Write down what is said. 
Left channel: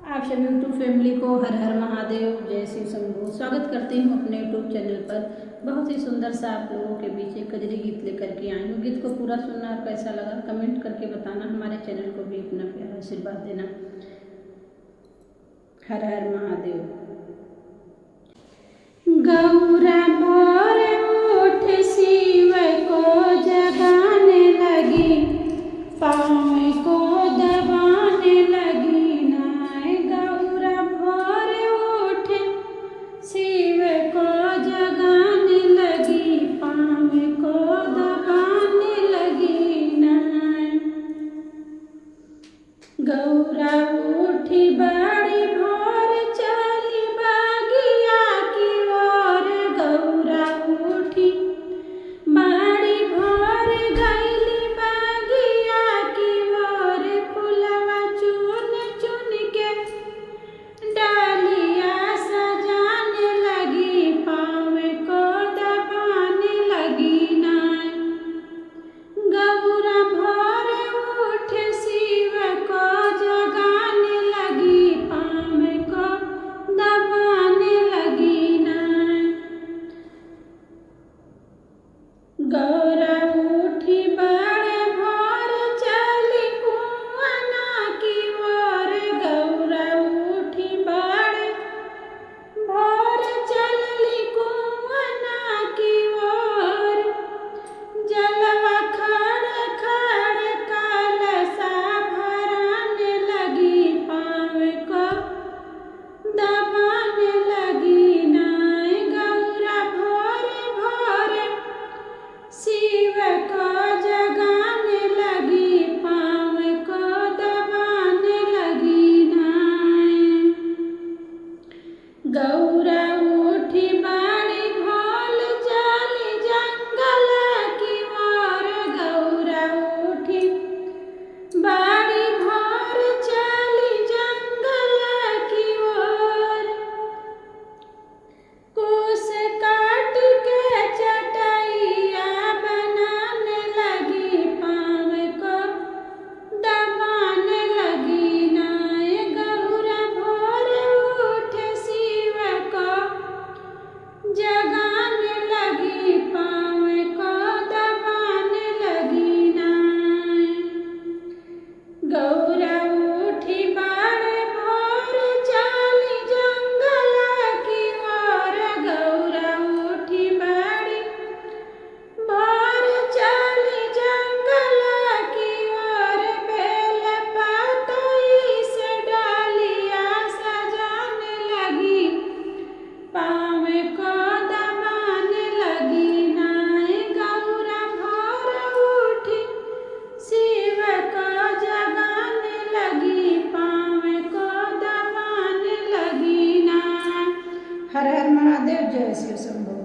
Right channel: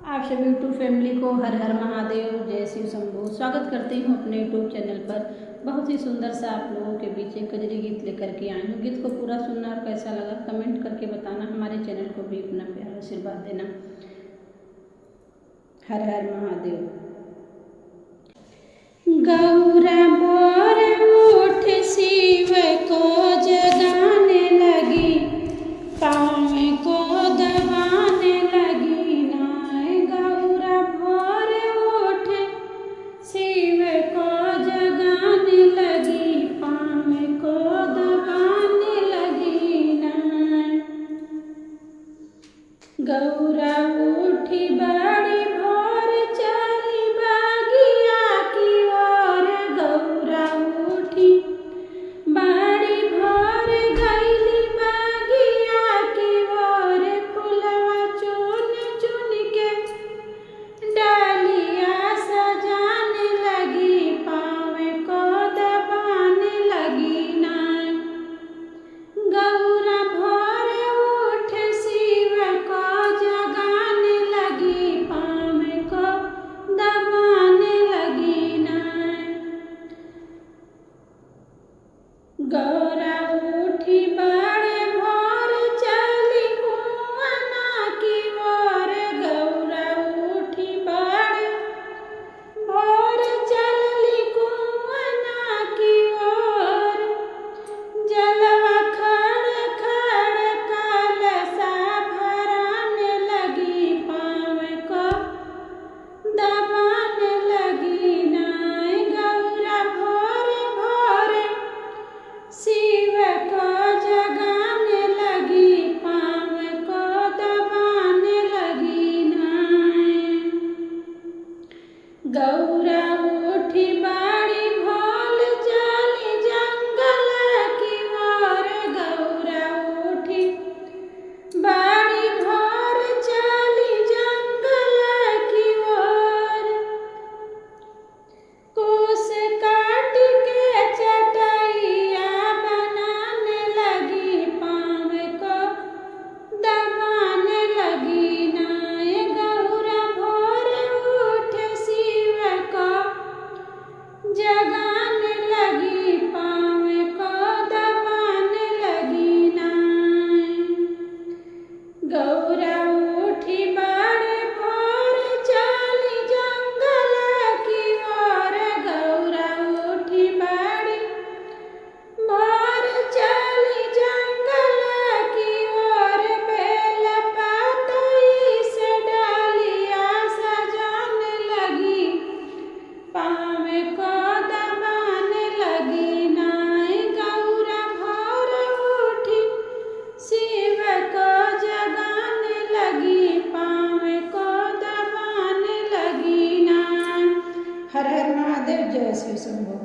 आप सभी YouTube family को हर हर महादेव, जय शिव शंभू। स्वागत करती हूँ अपने यूट्यूब चैनल पर। बहुत ही सुंदर सा आप लोगों के बीच एक कजरी गीत लेकर के आई हूँ। गीत को पूरा सुनना और कैसा लगा कमेंट करके बताना। हमारे चैनल को भी अपना प्यारा आशीर्वाद देना। हर हर महादेव। गौरा भोर उठ शिव को जगाने लगी, पाँव को दबाने लगी नाय। गौरा भोर उठ शिव को जगाने लगी, पाँव को दबाने लगी नाय। गौरा उठी बड़ी भोर चली बागिया की ओर। गौरा उठी बड़ी भोर गईली बागिया की ओर। फुलवा चुन चुन के डालिया सजाने लगी, पाँव को दबाने लगी नाय। गौरा भोर उठ शिव को जगाने लगी, पाँव को दबाने लगी नाय। गौरा उठी बड़े भोर चली कुआना की ओर। गौरा उठी बड़े भोर चलली कुआना की ओर। जलवा खड़ खड़ कलशा भराने लगी, पाँव को दबाने लगी नाय। गौरा भोर भोर शिव को जगाने लगी, पाँव को दबाने लगी नाय। गौरा उठी बड़ी भोल चली जंगल की ओर। गौरा उठी बड़ी भोर चली जंगल की ओर। कुश काट के चटैया बनाने लगी, पाँव को दबाने लगी नाय। गौरा भोर उठ शिव को जगाने लगी, पाँव को दबाने लगी नाय। गौरा उठी बड़े भोर चली जंगल की ओर। गौरा उठी बड़ी भोर चली जंगल की ओर। बेल पतई से डालिया सजाने लगी, पाँव को दबाने लगी नाय। गौरा भोर उठी शिव को जगाने लगी, पाँव को दबाने लगी नाय। हर हर महादेव, जय शिव शंभू।